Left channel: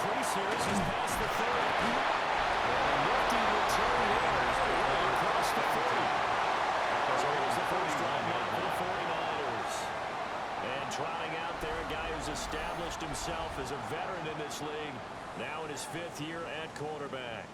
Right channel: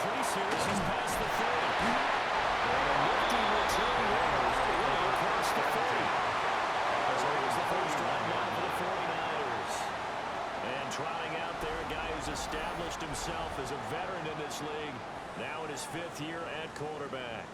increase here as he's past the 30. And a nifty return there across the 40. So here's the first drive now for the 49ers. And trotting out there, a guy who's established himself as a veteran in this league, now in his 5th year at quarterback.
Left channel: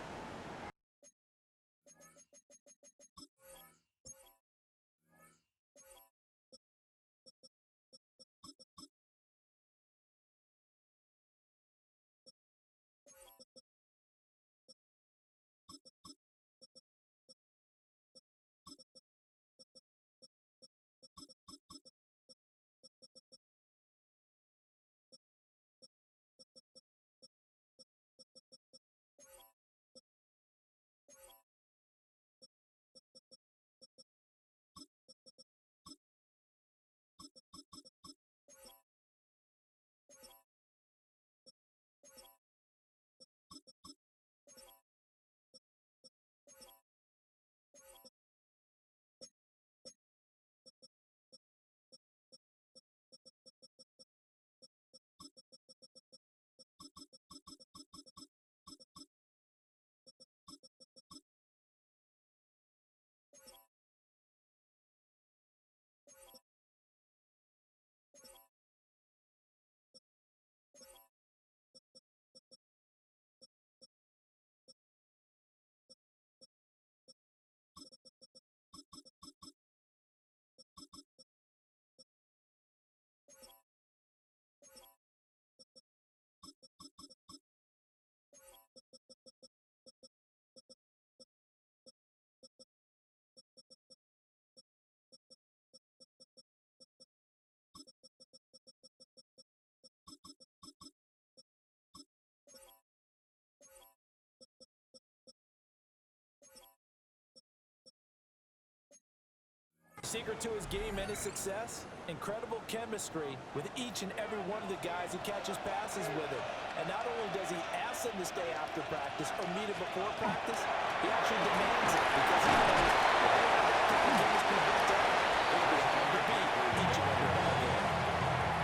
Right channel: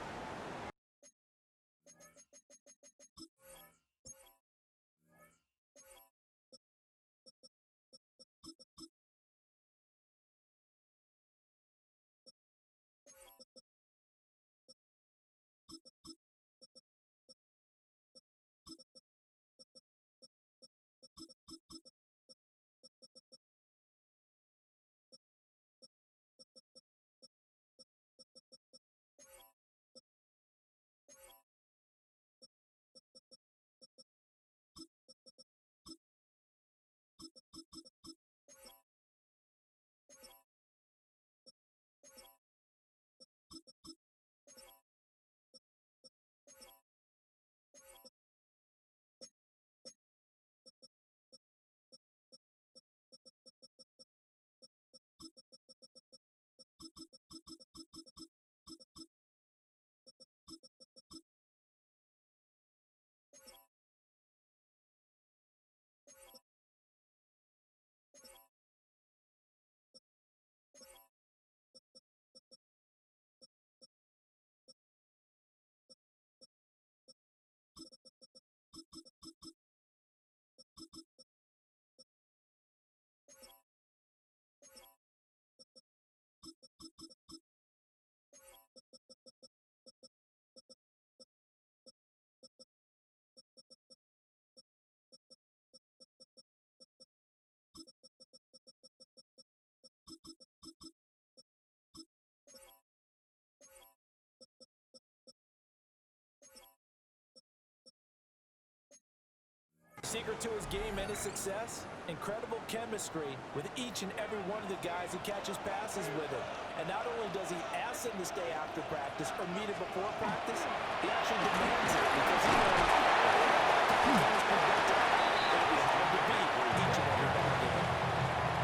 Secret to his game and his success? Incredible chemistry with each and every one of the guys who catches passes with him. And not only does he ask them to stay after practice or meet it before practice, he actually demands it because he knows if they have that kind of chemistry built up, it'll be hard to beat each and every ball game.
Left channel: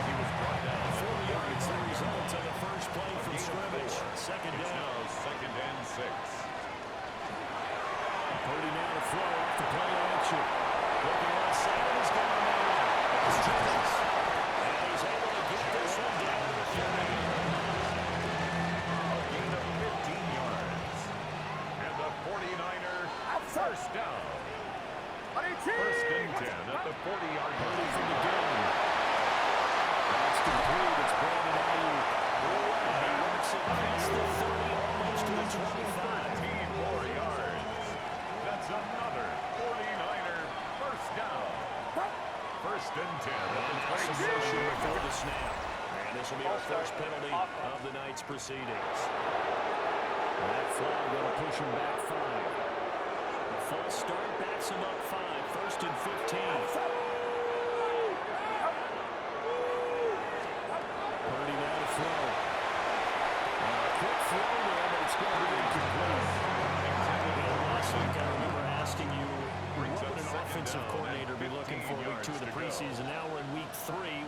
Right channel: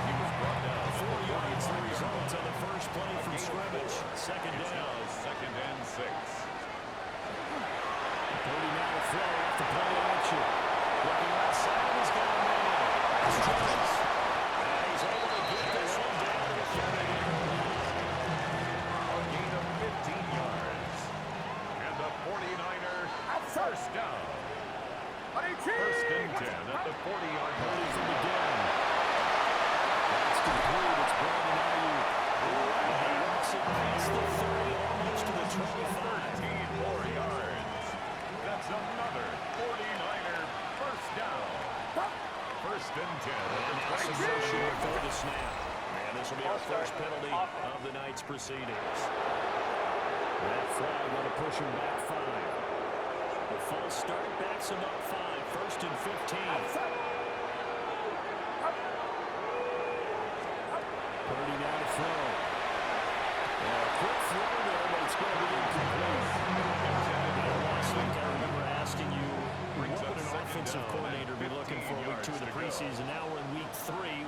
He was brought down. 4 yards the result on the first play from scrimmage. Second down. Second and 6. Purdy now to throw off the play action. Looking outside, and he's got a man. It's Jones. And he's able to get this one down to the 40-yard line. A gain of 15 yards. And the 49er first down. First and 10 at the 40-yard line. Purdy from the gun. That's complete. It's Brandon Ayuk. And he works it past the 30, almost to the 25. 13 more yards. That's another 49er first down. First and 10 at the 26. Before the snap. And this will be our first penalty of the night's proceedings. That flag going to push him back 5. The false start backs him up 5. First and 15. Purdy now to throw. A quick throw there, but it's going to be incomplete. Last week I remember asking you, what would an offensive coordinator be looking for week 2 of the preseason? Now we're in week 3.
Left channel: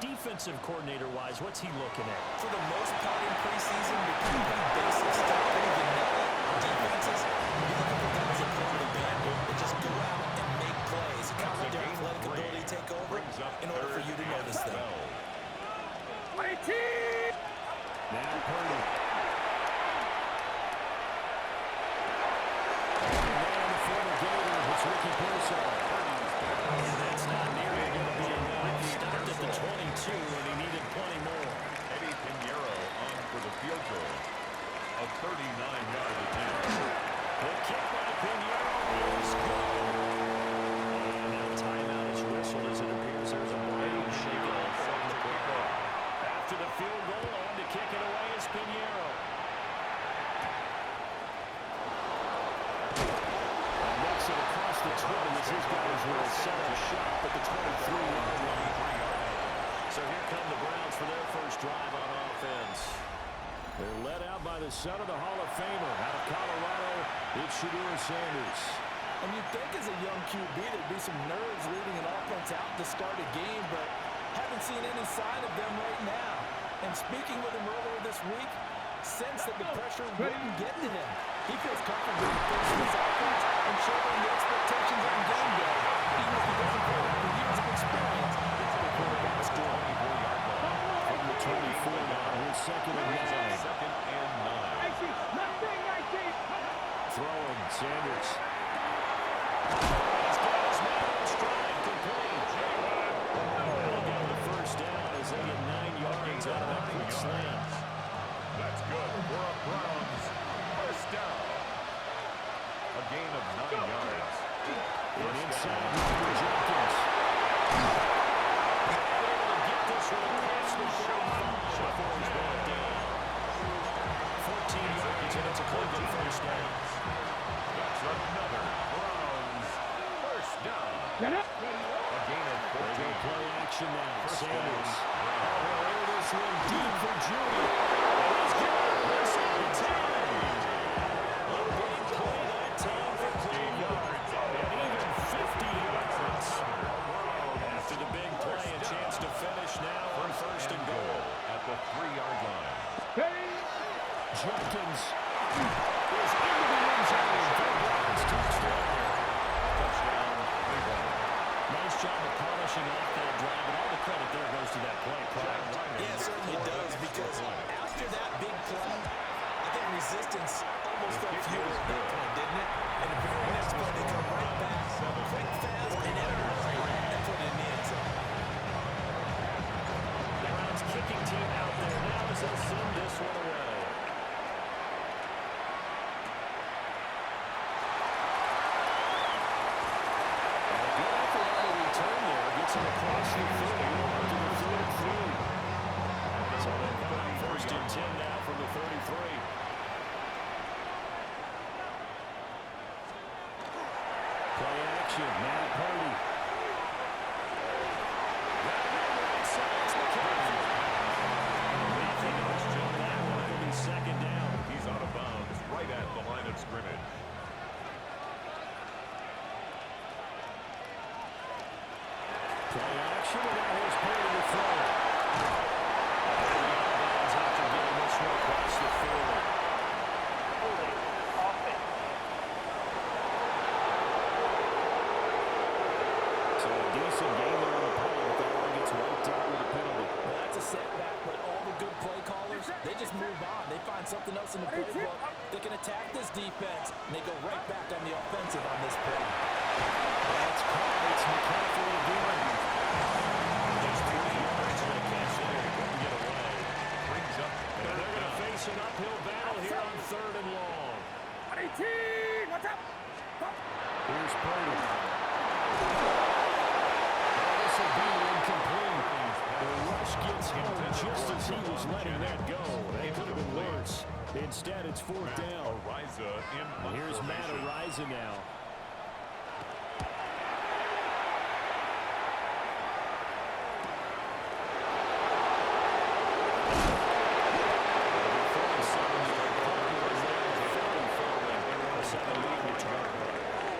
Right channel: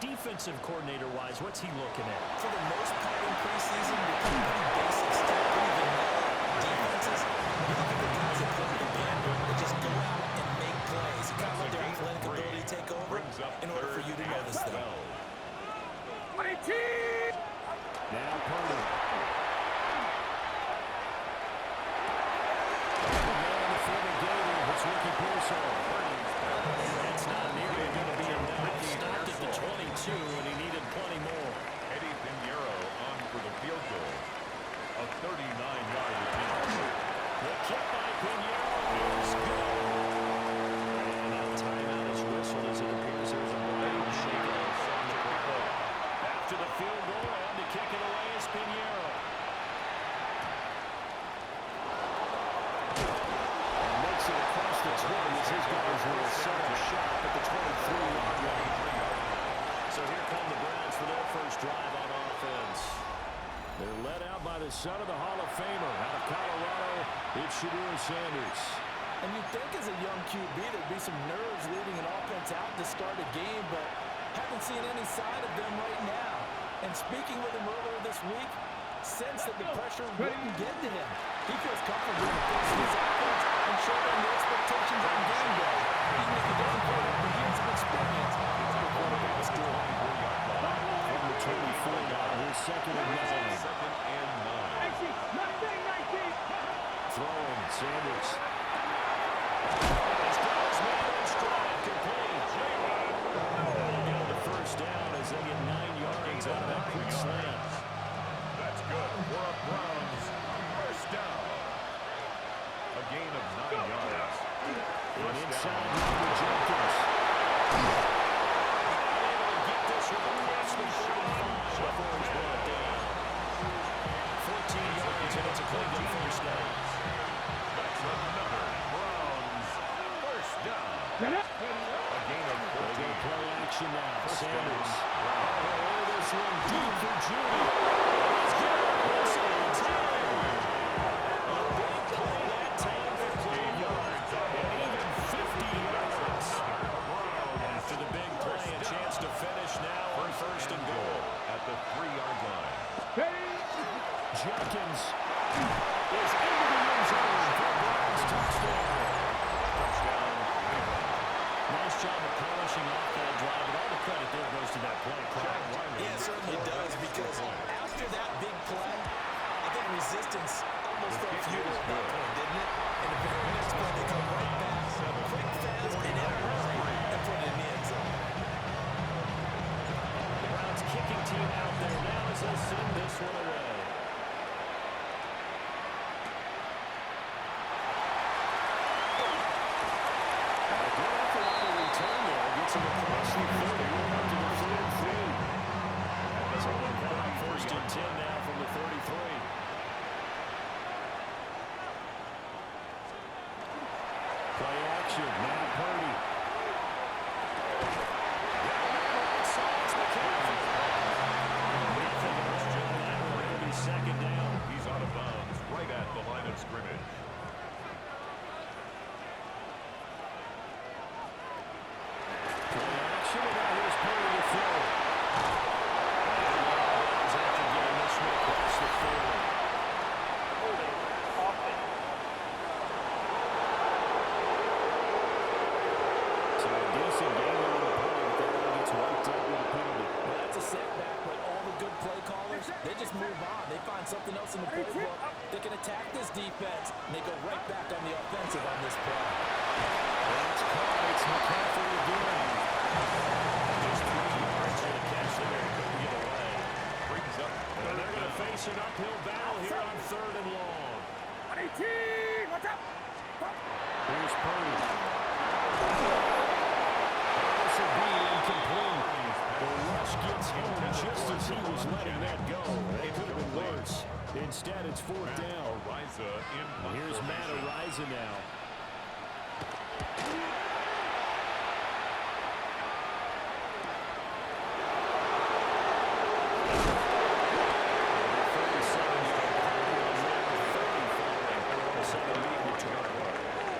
Defensive coordinator-wise, what's he looking at? For the most part in preseason, you're pretty basic stuff, pretty vanilla defenses. You're looking for guys that play the band, that just go out and make plays. You kind of let their athletic ability take over in order for you to notice them. Now Purdy. It's Ricky Pearsall. And that's not nearly going to be enough. Stopped at the 22, and he needed plenty more. Eddie Pinheiro on for the field goal. A 39-yard attempt. The kick by Pinheiro is good. And now timeout is whistled as it appears there's a brain shaking off from the play. After the field goal, on to kick it away is Pinheiro. It across the 20 as his guys will set up shop at the 23-yard line. So here come the Browns for their first drive on offense. They're led out by the son of the Hall of Famer out of Colorado. It's Shedeur Sanders. And you'd think as a young QB there'd be some nerves leading an offense out to start a game, but haven't seen any sign of them right now. And speaking with him earlier this week, sensed that the pressure wouldn't get to him. He feels comfortable in the face of his offense and shouldering the expectations on game day. Even if he doesn't play that for years of experience, other quarterbacks do. 24-yard line. From the 24 now, here's second and 9. Second and 9. Throwing, Sanders. He's got his man in stride, complete. That'll get him the first down as they get 9 yards out of that quick slam. That's good for a Browns first down. A gain of 9 yards. And inside number Jenkins. Able to get this one across the 45 before he's brought down. 14 yards and it's a Cleveland first down. That's another Browns first down. A gain of 14. They go play action now. First Sanders. down, Browns. Oh, this one deep for Judy. And he's got it. Inside the 10. A big play that time for Cleveland. And even 50 yards. After the big play, a chance to finish now on first and goal. At the 3-yard line. Jenkins is into the end zone for Browns touchdown. Touchdown, Cleveland. Nice job of polishing off that drive, but all the credit there goes to that play. Yeah, it certainly does, because after that big play, I think resistance almost felt futile at that point, didn't it? And the very next play, they come right back, quick, fast, and in a hurry, and put it in the end zone. The Browns kicking team out there now as they send this one away. And a good effort on the return there. Gets him across the 30, up to the 33. So they've got first and 10 now from the 33. Play action, now Purdy. Down there right side, it's McCaffrey. Nothing else on that one. It'll be second down. He's out of bounds right at the line of scrimmage. Play action, and now here's Purdy to throw. And out of bounds after getting this one across the 40. So a decent game there on the play, but that one gets wiped out with a penalty. Well, that's a setback, but all the good play callers, they just move on. They find something else in the playbook. They can attack this defense, and they go right back on the offensive on this play. That's caught. It's McCaffrey again. Just 3 yards on a catch there. He couldn't get away. Brings up And they're going to face an uphill battle here on 3rd and long. Here's Purdy. This will be incomplete. The rush gets home just as he was letting that go. That could have been worse. Instead, it's 4th down. Ariza in punt Here's Matt formation. Ariza now.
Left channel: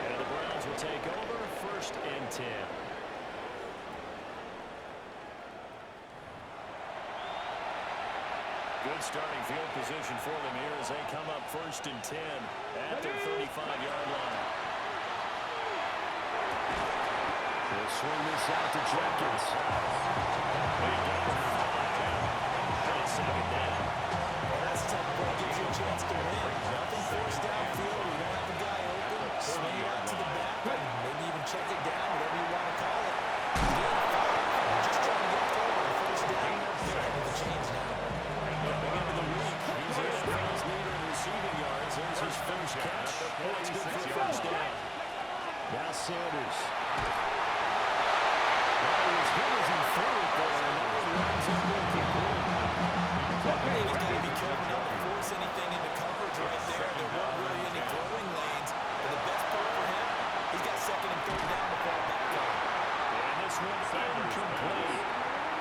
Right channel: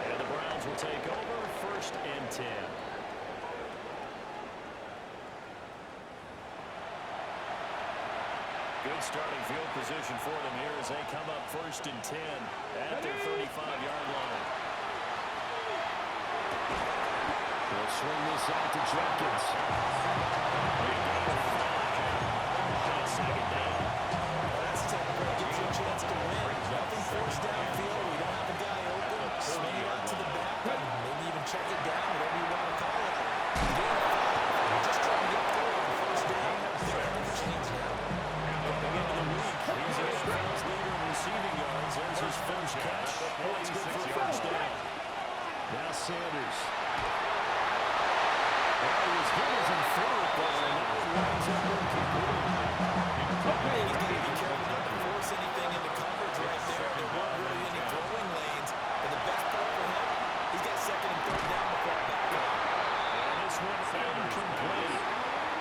And the Browns will take over 1st and 10. Good starting field position for them here as they come up 1st and 10 at their 35-yard line. We'll swing this out to Jenkins. Big gain of 5. And second down. Well, that's the type of play that gives you a chance to win. Nothing forced downfield. You don't have a guy open. Swing it out to the back, and maybe even check it down, whatever you want to call it. Gain of 5. You're just trying to get forward on 1st down. They're ahead of the chains now. Coming into the week, he's the NFL's leader in receiving yards. There's his first catch. That's good for a first down. Now Sanders. Well, he was good as he threw it there, and that one winds up incomplete. He's got to be careful not to force anything into coverage right there. There weren't really any throwing lanes. But the best part for him, he's got 2nd and 3rd down to fall back on. And this one incomplete.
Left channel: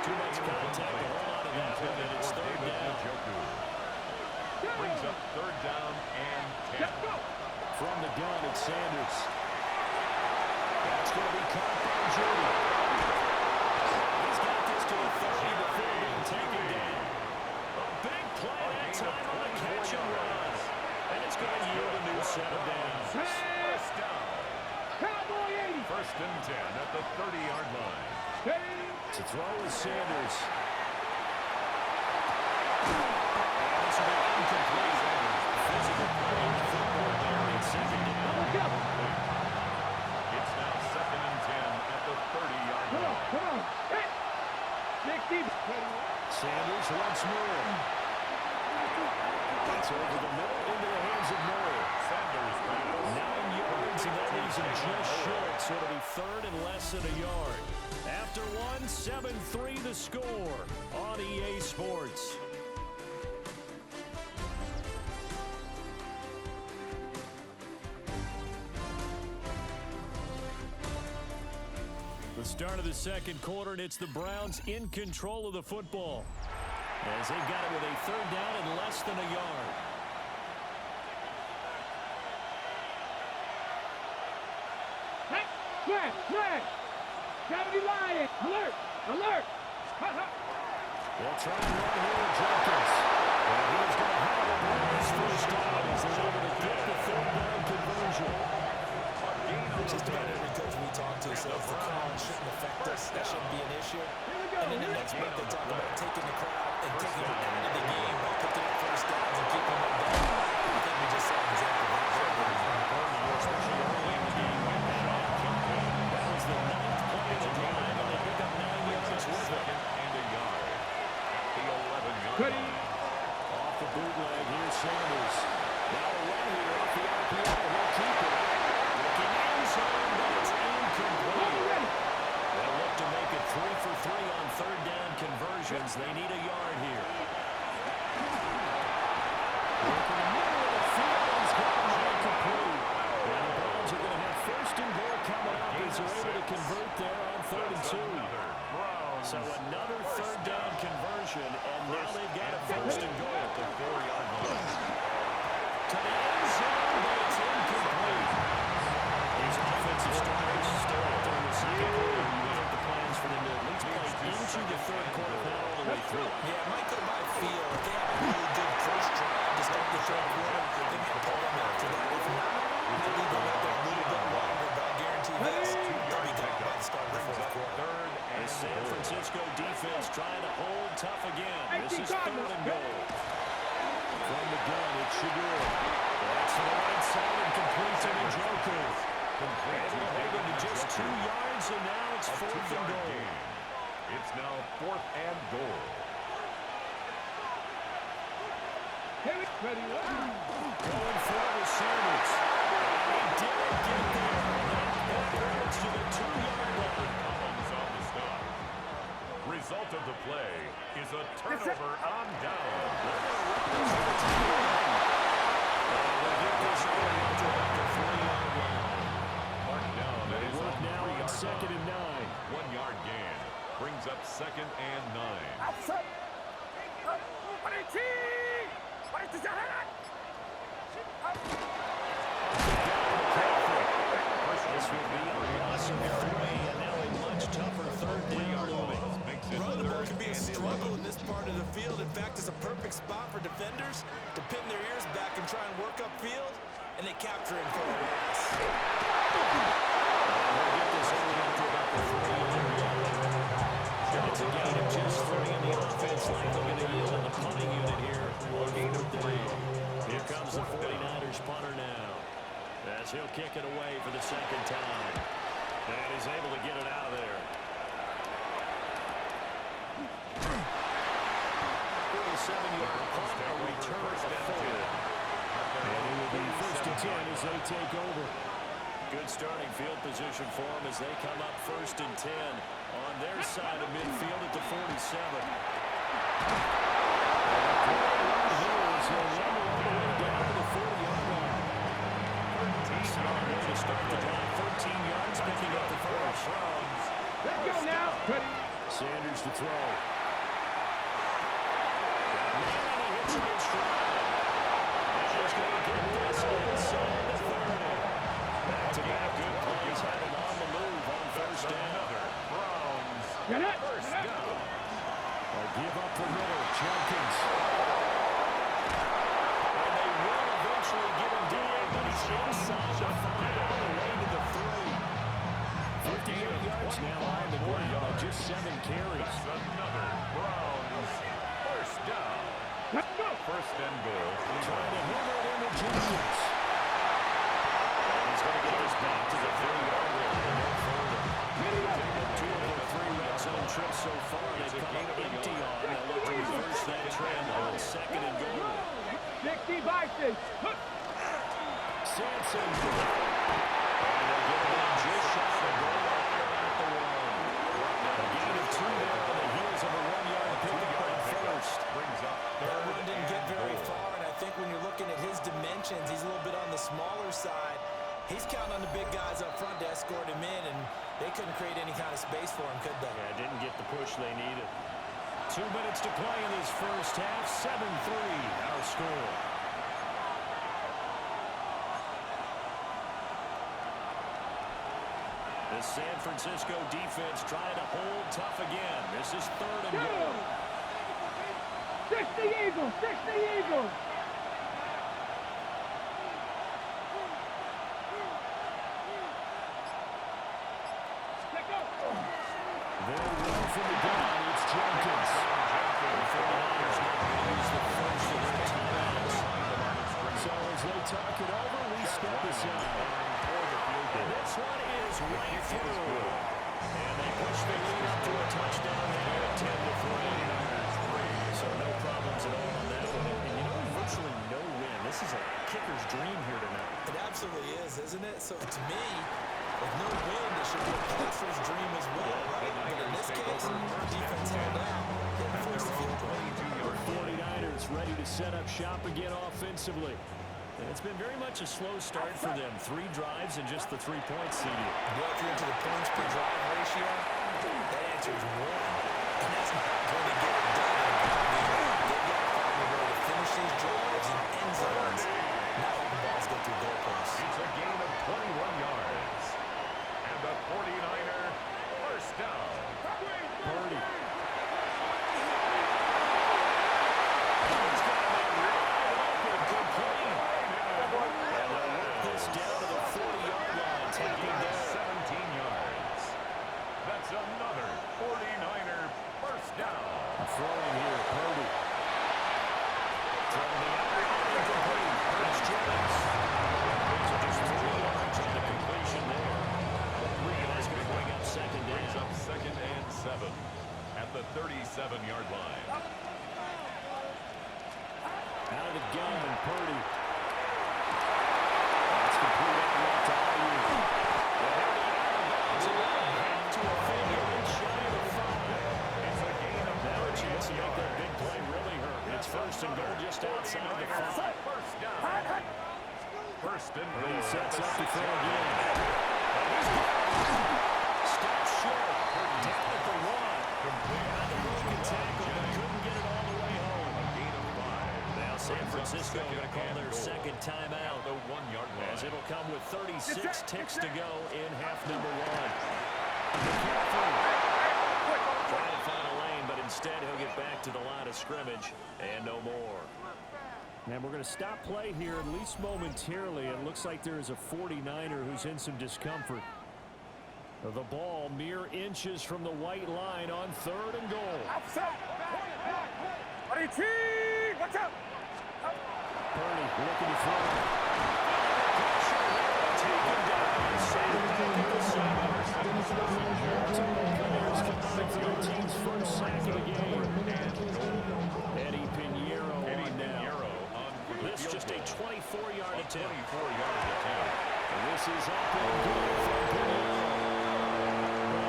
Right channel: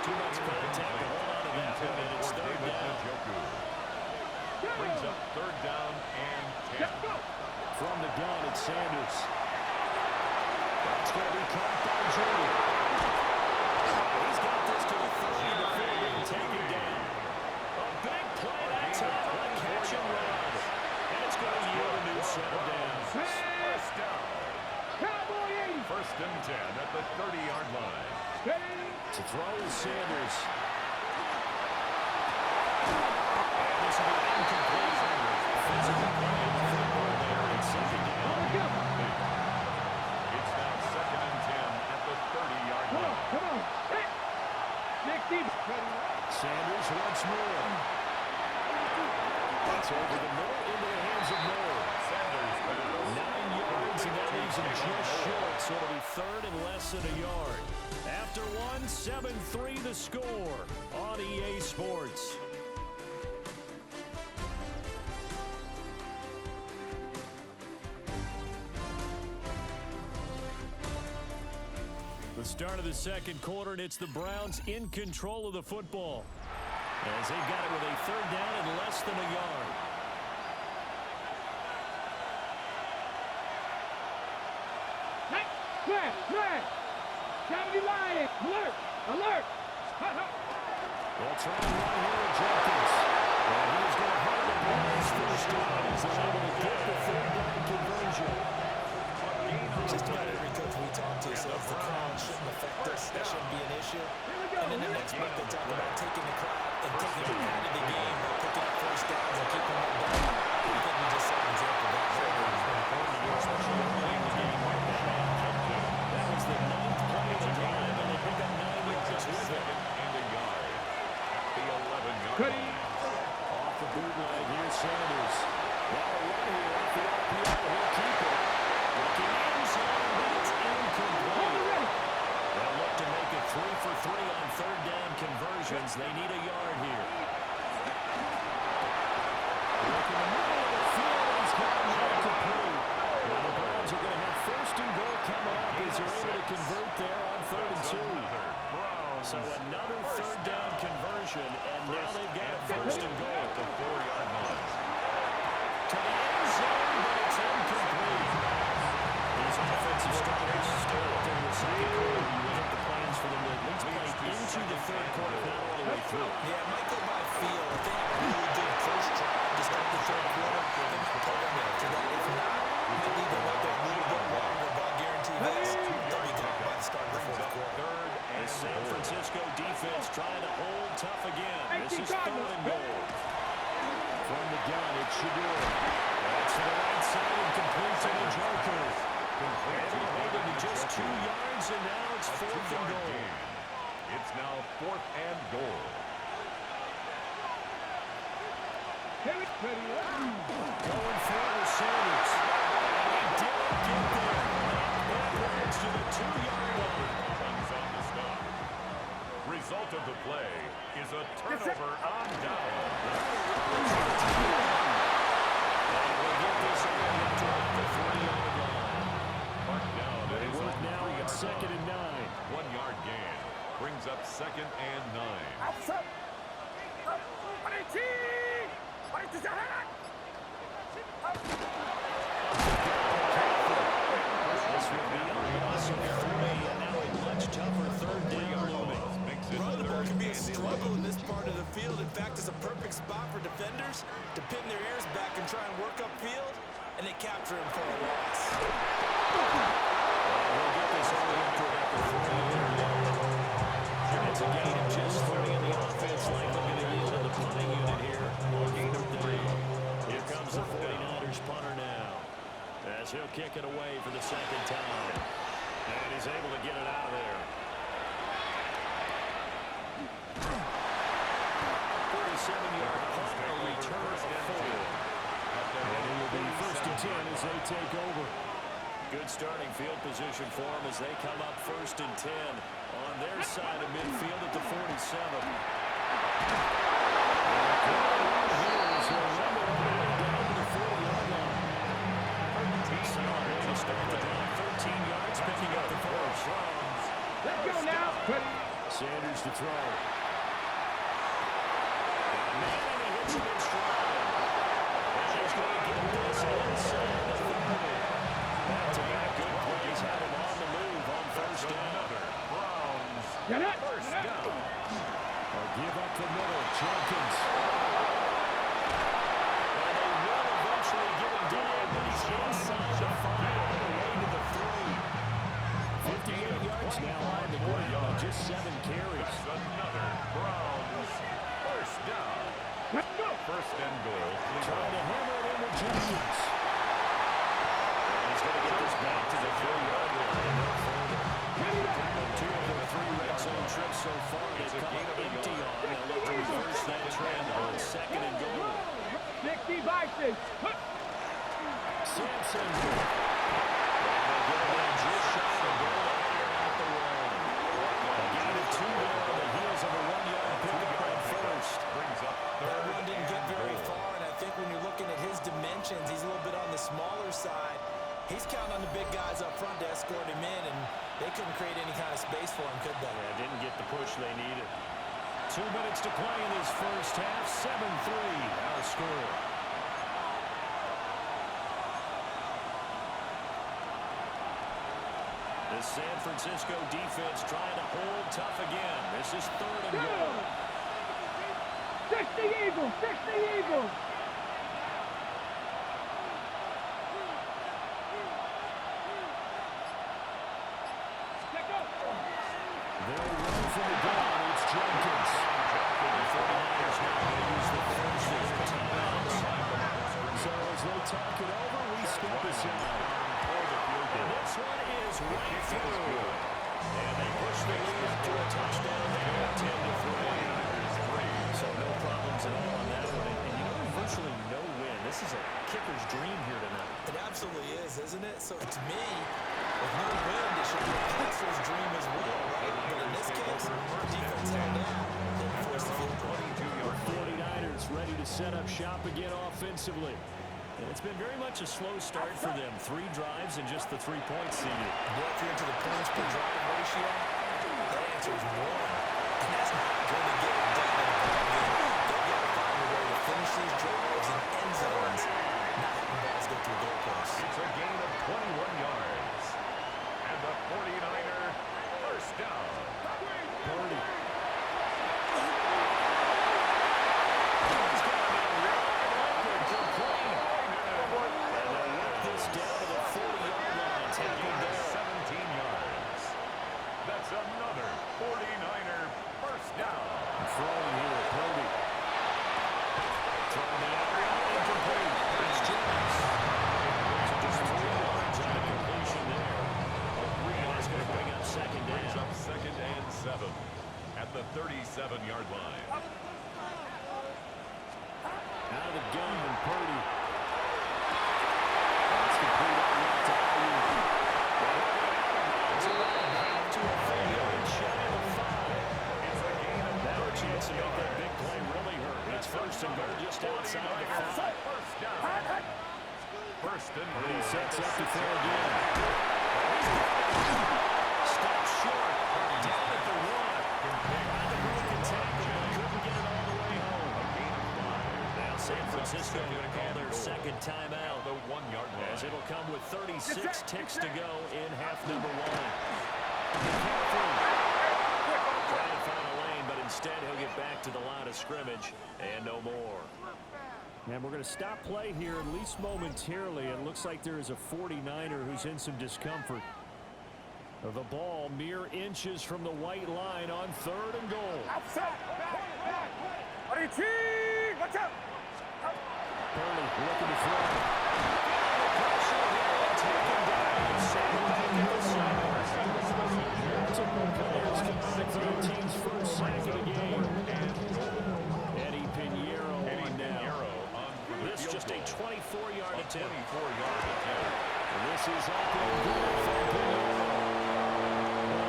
Too much contact to hold on to that one, and it's 3rd down. Brings up 3rd down and 10. From the gun, it's Sanders. That's going to be caught by Judy. He's got this to the 30 before being taken down. A big play that time on the possession run. And it's going to yield a new set of downs. First down. Cowboy 80. First and 10 at the 30-yard line. To throw is Sanders. And this will be incomplete. Physical play of the football there in second down. It's now second and 10 at the 30-yard line. Come on. Hey. Sanders once more. That's over the middle into the hands of Moore. Sanders pass. 9 yards, and that leaves him just short. So it'll be third and less than a yard. After one, 7-3 the score on EA Sports. The start of the second quarter, and it's the Browns in control of the football, as they've got it with a third down and less than a yard. Flag! Gotta be lying! Alert! They'll try and run here with Jenkins. And he's going to have the Browns first down as they're able to get the third down conversion. Just about every coach we talk to says the crowd shouldn't affect us. That shouldn't be an issue. And in the next month, they talk about taking the crowd and taking it out of the game by picking up first downs and keeping them down. I think we just saw an example of that. Especially early in the game when that was the 9th play of the drive, and they pick up 9 yards with it. And a yard at the 11-yard line. Off the bootleg, here's Sanders. Now a run here off the RPO. He'll keep it. Looking end zone, but it's incomplete. They'll look to make it 3 for 3 on third down conversions. They need a yard here. Look in the middle of the field. He's got it complete. And the Browns are going to have first and goal coming up as they're able to convert there on 3rd and 2. So another third down conversion, and now they've got a first and goal at the 4-yard line. To the end zone, but it's incomplete. These offensive starters start during the second quarter. You would think the plans for them to at least play into the third quarter, not all the way through. Yeah, it might go by feel. If they have a really good first drive to start the third quarter, they might pull them after that. If not, we might leave them out there a little bit longer, but I guarantee this, they'll be gone by the start of the fourth quarter. The San Francisco defense trying to hold tough again. This is 3rd and goal. From the gun, it's Shador. That's to the right side and complete to Njoku. Able to hold it to just 2 yards, and now it's 4th and goal. It's now 4th and goal. Going for it with Sanders. And he didn't get there. Backwards to the 2-yard line. Collins on the stop. Result of the play is a turnover on down. And we'll get this only up to about the 40-yard line. Marked down. It is on now on 2nd and 9. 1-yard gain. Brings up 2nd and 9. This will be a loss of 3, and now a much tougher third down looming. Run the ball can be a struggle in this part of the field. In fact, it's a perfect spot for defenders to pin their ears back and try and work upfield, and they capture him for a loss. And we'll get this only up to about the 3-yard line. It's a gain of just 3 in the offense, likely going to yield in the punting unit here on 4th down. Here comes the 49ers punter now, as he'll kick it away for the 2nd time. And he's able to get it out of there. 47-yard punt, a return of 4. And it will be 1st and 10 as they take over. Good starting field position for them as they come up 1st and 10 on their side of midfield at the 47. To start the drive, 13 yards, picking up the first. Let's go now. Sanders to throw. Got a man, and he hits him in stride. And he's going to get this inside the 30. Back-to-back good plays have him on the move on 1st down. Browns. First down. Give up the middle, Jenkins. And He's inside the 5 on the way to the 3. 58 yards now on the ground on just 7 carries. That's another Browns first down. First and goal. Trying to hammer it in with Jenkins. And he's going to get this back to the 3-yard line and no further. 2 of their 3 red zone trips so far they've come up empty on. They'll look to reverse that trend on 2nd and goal. 60 Vikings. Sampson. And they get it in just shy of the goal line at the 1. A gain of 2 there on the heels of a 1-yard pickup on first. Brings up That run didn't get very far, and I think when you're looking at his dimensions, he's a little bit on the smaller side. He's counting on the big guys up front to escort him in, and they couldn't create any kind of space for him, could they? Yeah, didn't get the push they needed. 2 minutes to play in this first half. 7-3, our score. The San Francisco defense trying to hold tough again. This is 3rd and goal. 60 Eagles. 60 Eagles. They'll run from the gun. It's Jenkins. The 49ers now going to use the first of their timeouts. So as they talk it over, we step aside. And this one is right through. And they push the lead up to a touchdown now at 10-3. So no problems at all on that one. And you know, virtually no win. This is a kicker's dream here tonight. It absolutely is, isn't it? So to me, with no wind, it should be a passer's dream as well, right? But in this case, the defense held out. They forced the field goal. 49ers ready to set up shop again offensively. And it's been very much a slow start for them. 3 drives and just the 3 points seeded. Yeah, if you're into the points per drive ratio, that answer is 1. And that's not going to get it done in a ball game. They've got to find a way to finish these drives in end zones, not having balls go through goalposts. It's a gain of 21 yards. And the 49er first down. Purdy. He's got him in wide open, complete. And they'll work this down to the 40-yard line. Tackling there. 17 yards. That's another 49er first down. Throwing here, Purdy. Throwing the out route, incomplete. That's Jennings. So just 3 yards on the completion there. That's going to bring up 2nd down. Brings up 2nd and 7 at the 37-yard line. Out of the gun, Purdy. That's complete on left to Ayuk. Well, he'll be out of bounds around to a full yard shy of the 5. It's a gain of Now a chance to make that big play really hurt. It's 1st and goal just outside the 5. First down. First and goal. He sets up to throw again. Stops short. Down at the 1. Had the broken tackle, but couldn't get it all the way home. A gain of 5. Now San Francisco going to call their 2nd timeout. The 1-yard line. As it'll come with 36 ticks to go in half number 1. McCaffrey trying to find a lane, but instead he'll get back to the line of scrimmage and no more. And we're going to stop play here, at least momentarily. It looks like there is a 49er who's in some discomfort. The ball mere inches from the white line on 3rd and goal. Watch out! Purdy looking to throw. Feeling the pressure here, taken down. Safe back at the 7. Buccaneers combined for their team's first sack of the game. Eddie Pinheiro on now. This is just a 24-yard attempt. 24-yard attempt. And this is up and good for Pinheiro.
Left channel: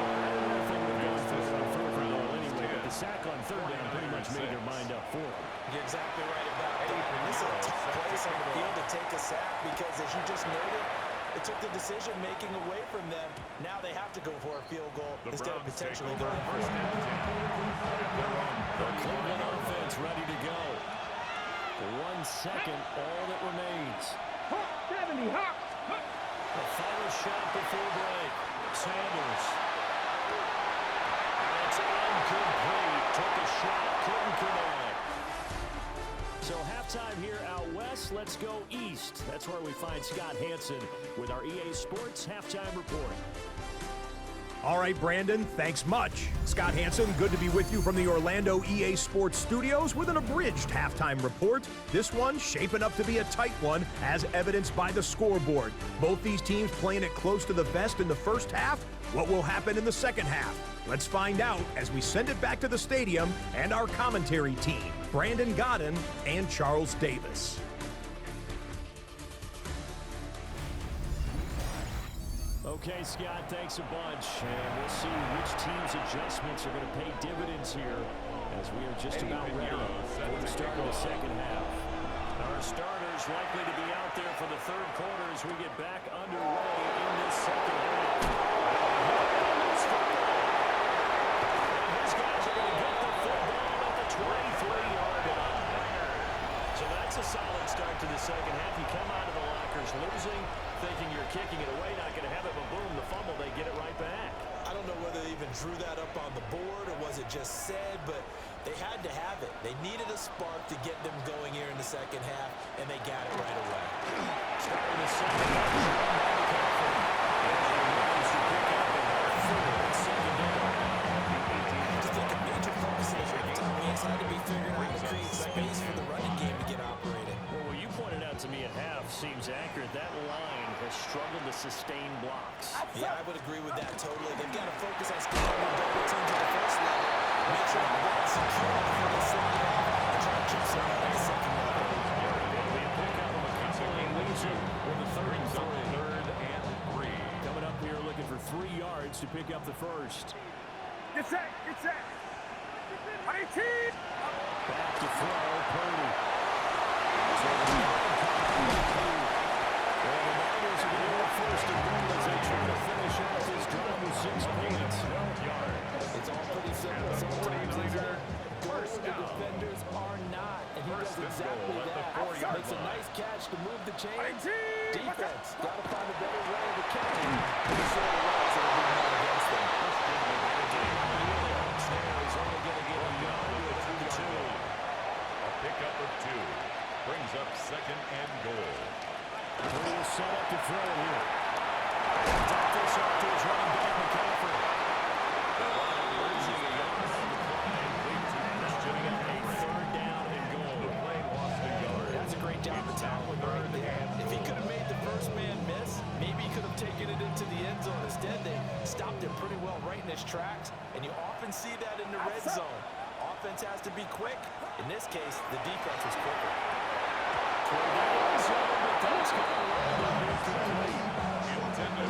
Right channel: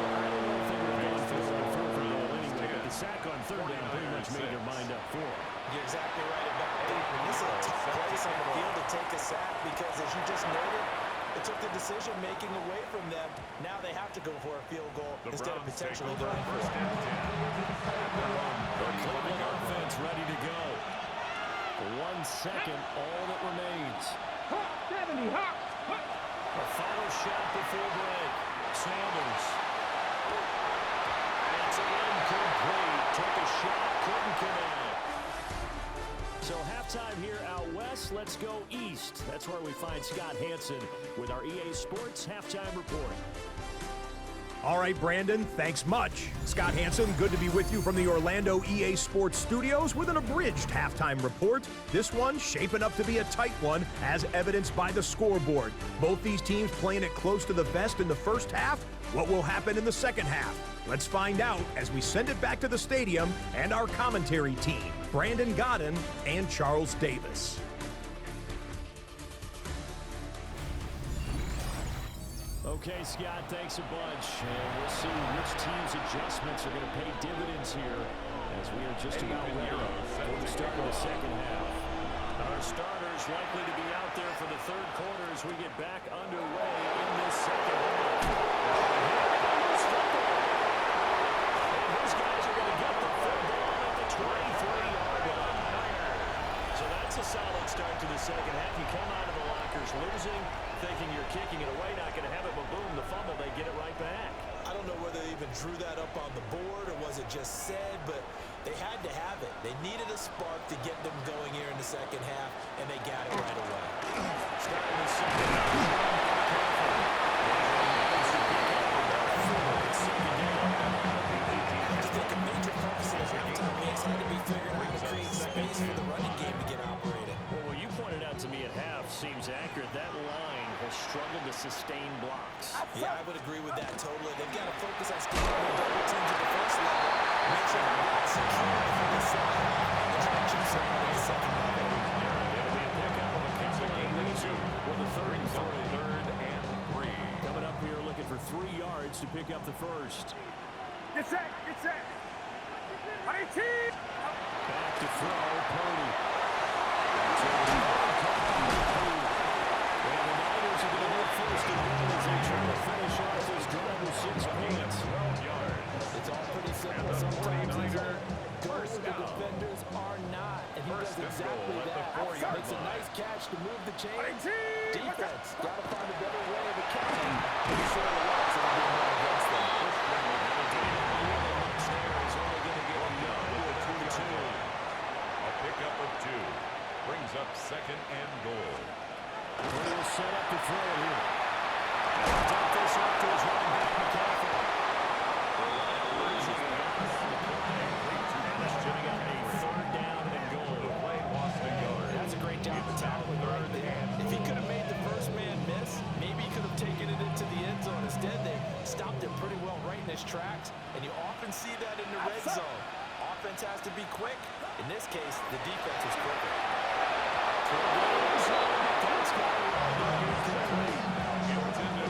I don't know if they would have gone for it on 4th and goal anyway, but the sack on 3rd down pretty much made their mind up for it. You're exactly right about that. And this is a tough place on the field to take a sack because, as you just noted, it took the decision-making away from them. Now they have to go for a field goal instead of potentially going for it. The Cleveland offense ready to go. 1 second, all that remains. 70, hop! A final shot before break. Sanders. And it's incomplete. Took a shot, couldn't connect. So halftime here out west, let's go east. That's where we find Scott Hansen with our EA Sports Halftime Report. All right, Brandon, thanks much. Scott Hansen, good to be with you from the Orlando EA Sports Studios with an abridged halftime report. This one shaping up to be a tight one, as evidenced by the scoreboard. Both these teams playing it close to the vest in the first half. What will happen in the second half? Let's find out as we send it back to the stadium and our commentary team, Brandon Godden and Charles Davis. Okay, Scott, thanks a bunch. And we'll see which team's adjustments are going to pay dividends here as we are just about ready for the start of the second half. Our starters likely to be out there for the third quarter as we get back underway in this second half. And his guys are going to get the football at the 23-yard line. So that's a solid start to the second half. You come out of the lockers losing, thinking you're kicking it away, not going to have it, but boom, the fumble, they get it right back. I don't know whether they even drew that up on the board or was it just said, but they had to have it. They needed a spark to get them going here in the second half, and they got it right away. Starting the second half, be careful. And managed to pick up the ball forward at second down. I just think a major focus of the halftime games had to be figuring out how to create space for the running game to get operated. Well, what you pointed out to me at half seems accurate. That line has struggled to sustain blocks. Yeah, I would agree with that totally. They've got to focus on staying under double teams at the first level, make sure the block's secure before they slide off, and try to chip someone at the second level. It'll be a pickup of a couple and loser with a third and three. Coming up here looking for 3 yards to pick up the first. Get set, get set. 18. Back to throw, Purdy. And the Niners are going to have first and goal as they try to finish off this drive with 6 points. 12 yards. It's all pretty simple. Sometimes these are goals the defenders are not, and he does exactly that. Makes a nice catch to move the chains. Defense got to find a better way of accounting for the short routes that are being run against them. There is only going to get a yard to the 2. A pickup of 2 brings up second and goal. Purdy is set up to throw here. Dump this off to his running back, McCaffrey. They'll wind up losing a yard on the play. And that'll bring up a third down and goal. The play lost a yard. That's a great job of tackling right there. If he could have made the first man miss, maybe he could have taken it into the end zone. Instead, they stopped him pretty well right in his tracks, and you often see that in the red zone. Offense has to be quick. In this case, the defense was quicker. Toward the end zone, but that's going to wind up incomplete.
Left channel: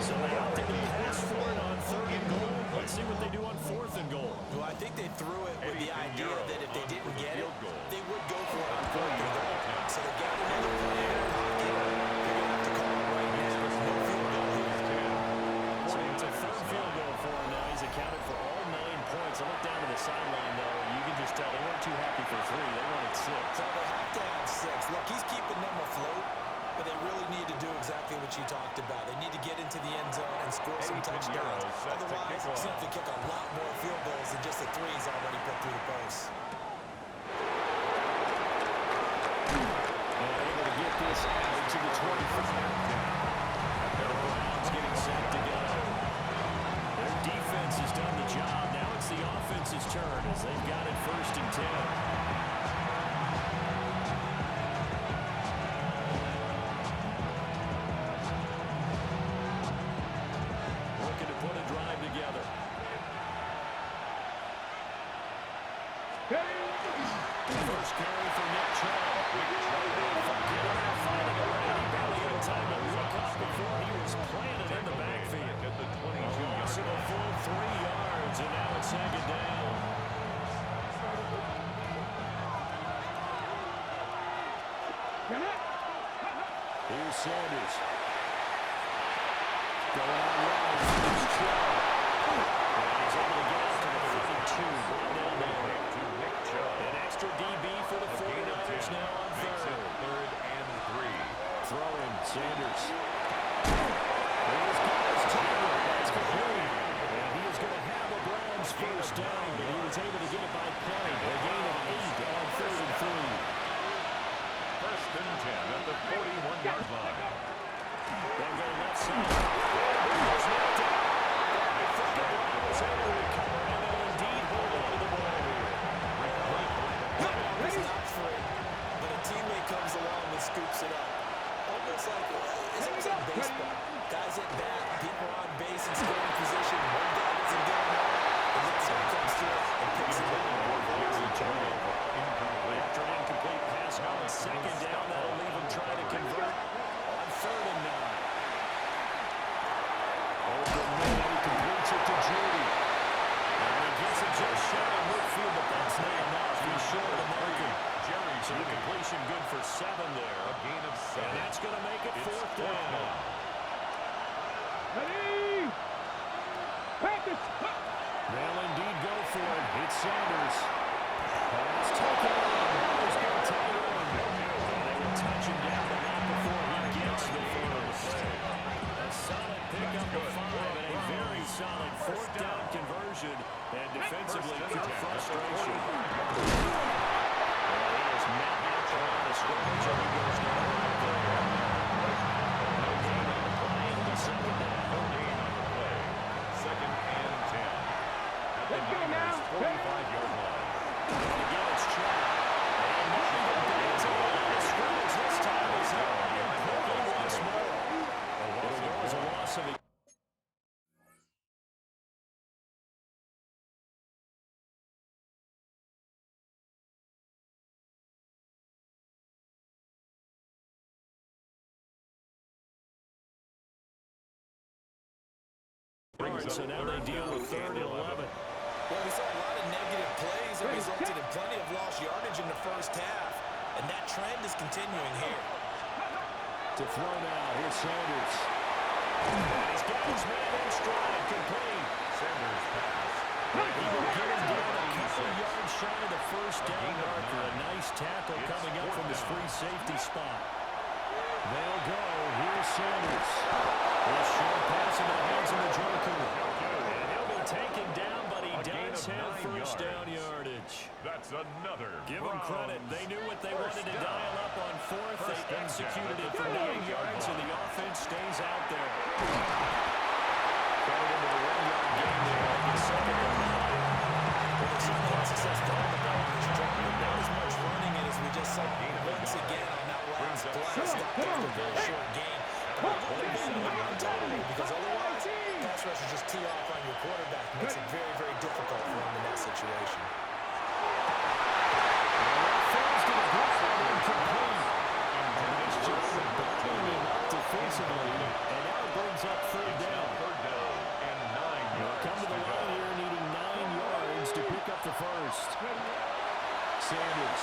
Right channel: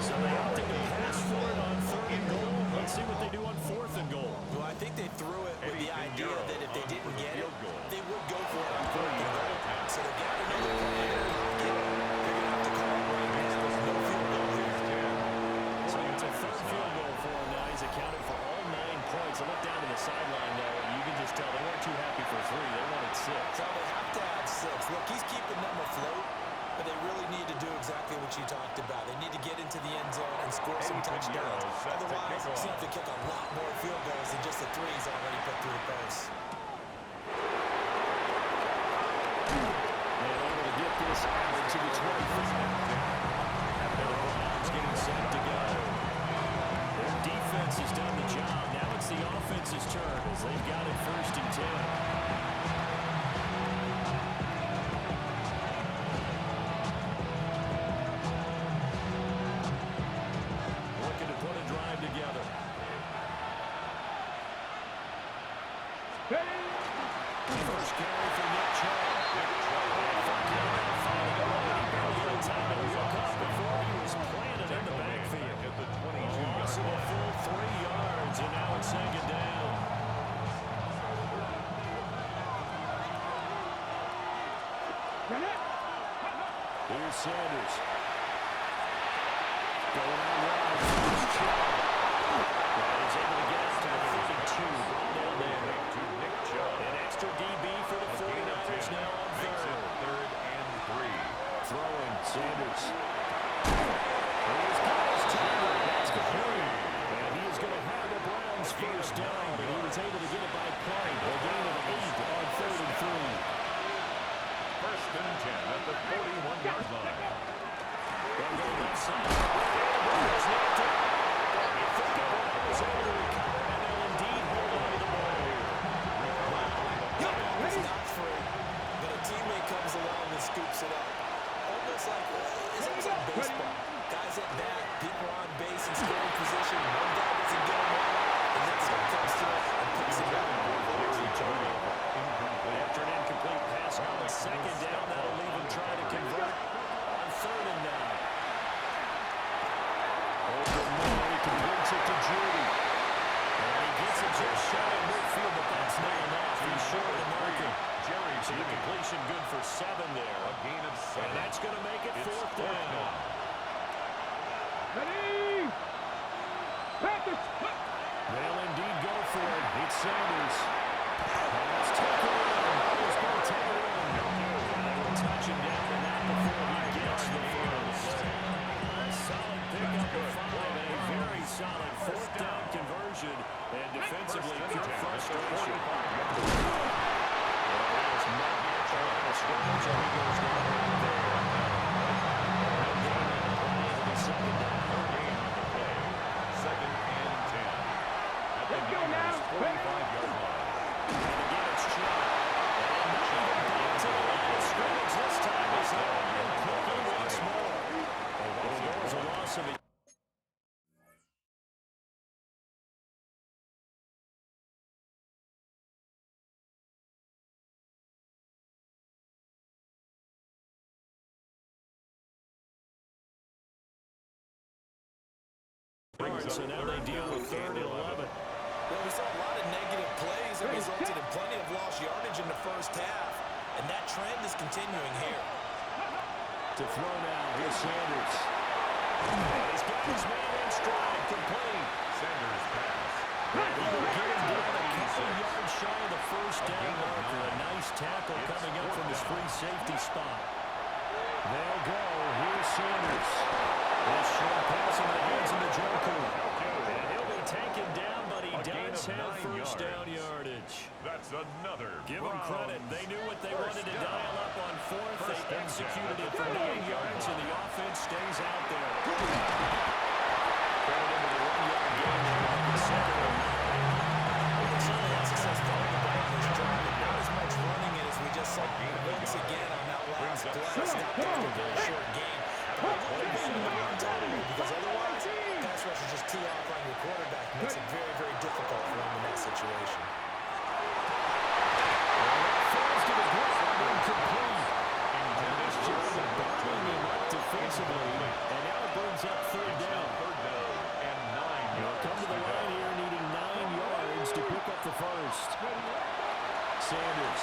So they opted to pass for it on third and goal. Let's see what they do on fourth and goal. Well, I think they threw it with the idea that if they didn't get it, they would go for it on fourth and goal. So they've got another play in their pocket. They're going to have to call it right now. No field goal here. So it's a third field goal for him now. He's accounted for all 9 points. I look down to the sideline, though, and you can just tell they weren't too happy for 3. They wanted 6. So they have to have 6. Look, he's keeping them afloat, but they really need to do exactly what you talked about. They need to get into the end zone and score some touchdowns. Otherwise, he's going to have to kick a lot more field goals than just the 3 he's already put through the post. And able to get this out to the 25. And the Browns getting set to go. Their defense has done the job. Now it's the offense's turn as they've got it first and 10. Looking to put a drive together. First carry for Nick Chubb. Forget about finding a way. He barely had time to look up before he was planted in the backfield. At the 22-yard Loss of a full 3 yards, and now it's second down. Here's Sanders. Going out wide. Here's Chubb. And he's able to get out to the 32. Brought down there. to Nick Chubb. An extra DB for the 49ers now on Makes it third. third and 3. Throwing, Sanders. Here's Giles Turner. That's complete. And he is going to have a Browns first down. And he was able to get it by play. A gain of 8 on third and 3. First and 10 at the 41-yard line. They'll go left side. It's not down. I think the ball was able to recover, and they'll indeed hold on to the ball here. It's not free, but a teammate comes along and scoops it up. Almost like, it's almost like baseball. Guys at bat, people are on base in scoring position. One guy doesn't get them all. The next guy comes through and picks it up. After an incomplete pass on second down, that'll leave him trying to convert on third and 9. Open middle, he completes it to Judy. And he gets it just shy of midfield, but that's not enough. He's short of the marker. So the completion good for 7 there. A gain of 7. And that's going to make it fourth down. Ready? Practice. They'll indeed go for it. It's Sanders. Pass taken in. There's no taken in. And they will touch him down, but not before he gets the first. A solid pickup of 5 and a very solid fourth down conversion. And defensively, pure frustration. And he is met at the line of scrimmage, and he goes down right there. No gain on the play. It'll be second down. No gain on the play. Second and 10. At the Niners' 45-yard line. And again, it's Chad. And not even back to the line of scrimmage this time. He's out and quickly once more. It'll go as a loss of it. So now they deal with third and 11. Well, we saw a lot of negative plays that resulted in plenty of lost yardage in the first half, and that trend is continuing here. To throw now, here's Sanders. And he's got his man in stride, complete. Sanders pass. And he will get him down a couple yards shy of the first down marker. A nice tackle coming up from his free safety spot. They'll go. Here's Sanders. This short pass into the hands of the Joku. And he'll be taken down, but he does have first down yardage. That's another. Give them credit. They knew what they wanted to dial up on fourth. They executed it for 9 yards, and the offense stays out there. Credit into the 1-yard gain there on the second and 9. Well, they certainly had success throwing the ball in this drive, but not as much running it as we just saw once again on that last play. Stopped after a very short gain. But it would have been in the run total, because otherwise, pass rushers just tee off on your quarterback. Makes it very, very difficult for him in that situation. Falls to the ground, incomplete. And this job of bottling him up defensively. And now it brings up third down. Third down and 9 yards. Come to the line here needing 9 yards to pick up the first. Sanders.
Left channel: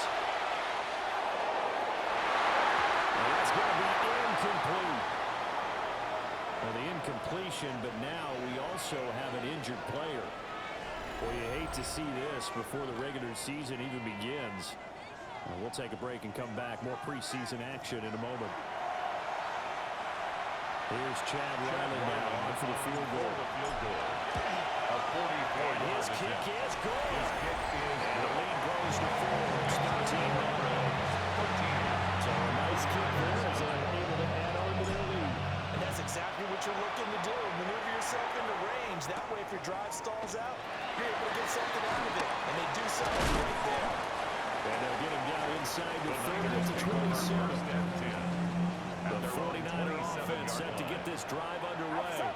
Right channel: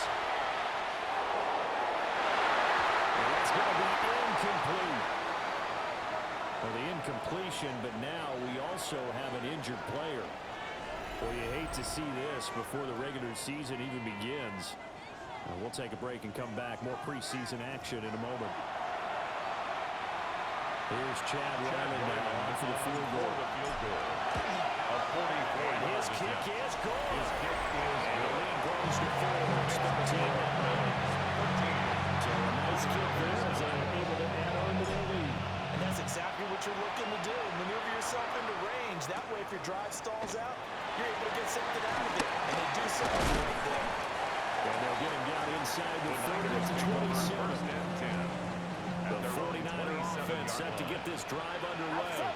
And that's going to be incomplete. Well, the incompletion, but now we also have an injured player. Well, you hate to see this before the regular season even begins. We'll take a break and come back. More preseason action in a moment. Here's Chad Ryland now on for the field goal. A 44-yard his kick is good. His kick is and good. the lead grows to 4. It's 13 now. 13. So a nice kick there as they're able to add on to their lead. And that's exactly what you're looking to do. Maneuver yourself into range. That way, if your drive stalls out, you're able to get something out of it. And they do something right there. And they'll get him down inside the 30 to 27. The 49er offense set to get this drive underway.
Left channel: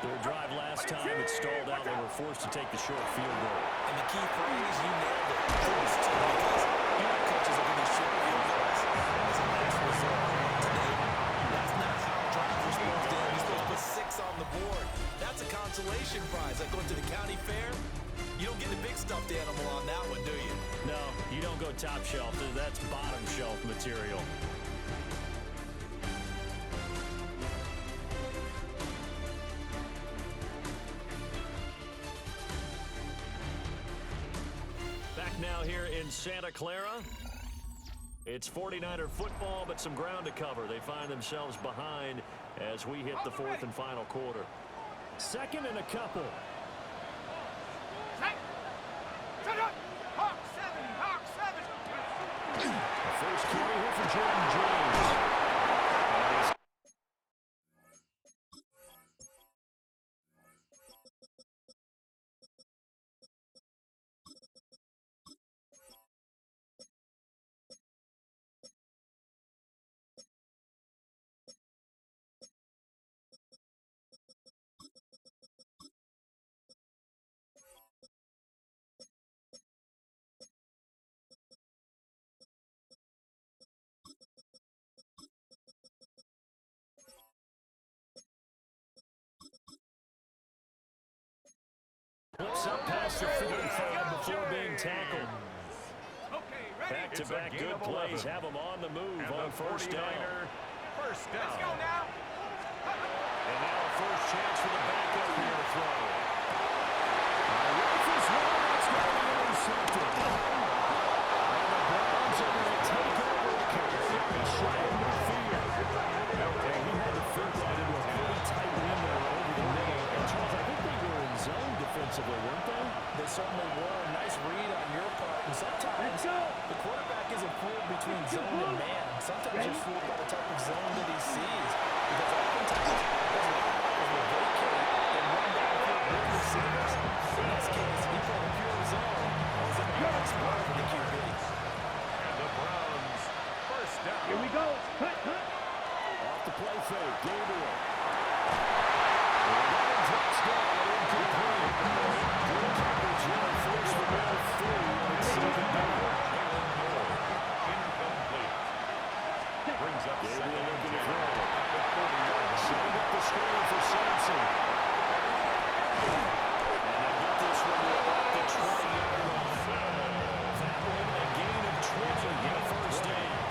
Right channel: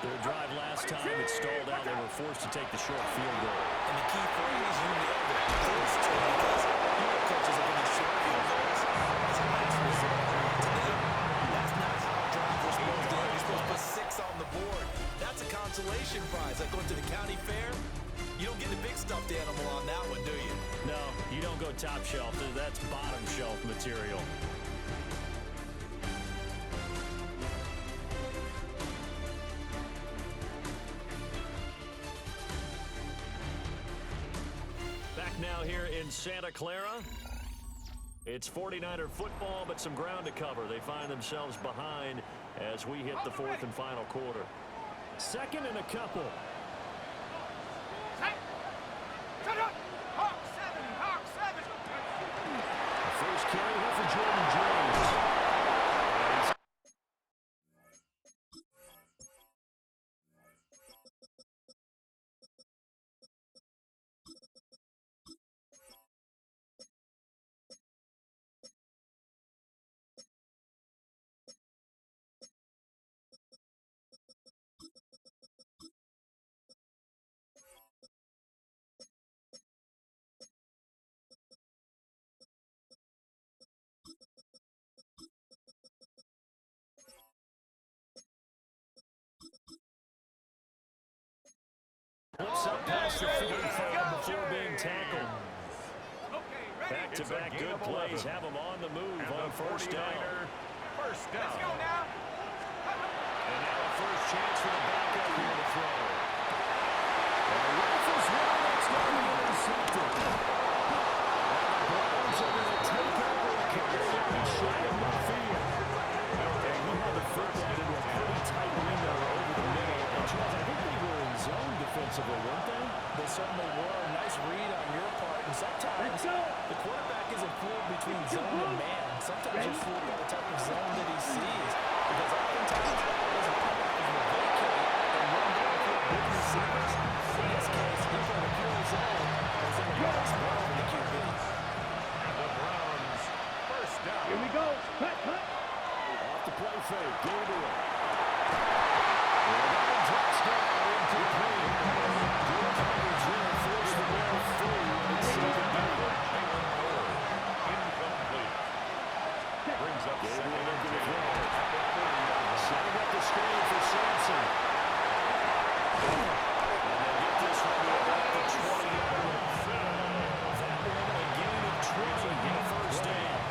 Their drive last time, it stalled out. They were forced to take the short field goal. And the key phrase, you nailed it. Forced to, because you know coaches are going to short field goals as a last resort. Today, that's not how drives are supposed to end. You're supposed to put 6 on the board. That's a consolation prize. Like going to the county fair, you don't get a big stuffed animal on that one, do you? No, you don't go top shelf. That's bottom shelf material. Back now here in Santa Clara. It's 49er football, but some ground to cover. They find themselves behind as we hit the fourth and final quarter. Second and a couple. Hawk 7, Hawk 7. The first carry here for for Jordan James. Flips up past the 45 before being tackled. Back-to-back good plays have them on the move on first down. First down. Let's go now. And now a first chance for the backup here to throw. Rifles one, that's going to be intercepted. And the Browns are going to take over a carry and shut him midfield. He had to fit that into a pretty tight window over the middle. And Charles, I think they were in zone defensively, weren't they? They certainly were. Nice read on your part. And sometimes the quarterback isn't fooled between zone and man. Sometimes he's fooled by the type of zone that he sees. Because oftentimes those linebackers will vacate and run downfield with receivers. In this case, he played a pure zone and was in the wrong spot for the QB. And the Browns, first down. Here we go. Cut. Off the play fake, Gabriel. Another touchdown, incomplete. Good coverage there, forced the ball free, and it's second down. Jalen Moore, incomplete. Brings up Gabriel second and looking to 10 throw. at the 40-yard line. Setting up the screen for Sampson. And they get this one to about the 20-yard line. That one a gain of 20 in first down.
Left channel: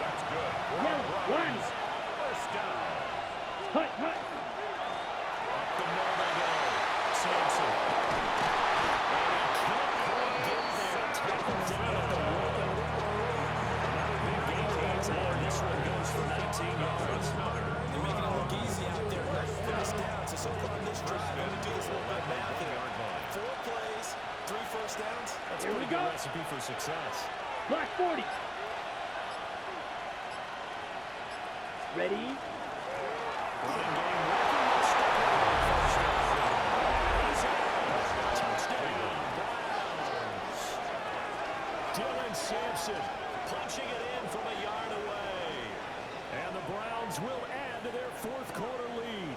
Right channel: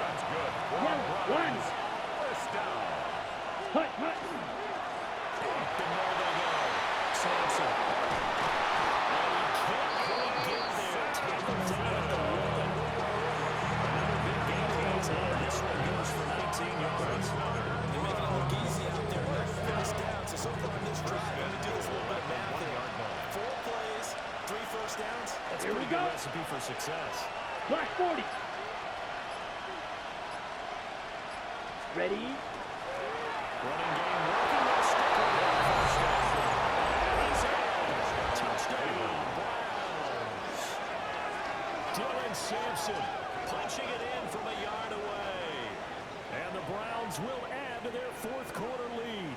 That's good. For the Browns, first down. Cut. Up the middle they go. Sampson. And he can't quite get there. Tackled down at the 1. Another big gain outside. This one goes for 19 yards. They're making it look easy out there. Nothing first down. So far in this drive, let me do this little bit of math here. 4 plays, 3 first downs. That's a pretty good recipe for success. Black 40. Ready? Running game working. We'll stick with it on first down. He's in. Touchdown, Browns. Dylan Sampson punching it in from a yard away. And the Browns will add to their fourth quarter lead.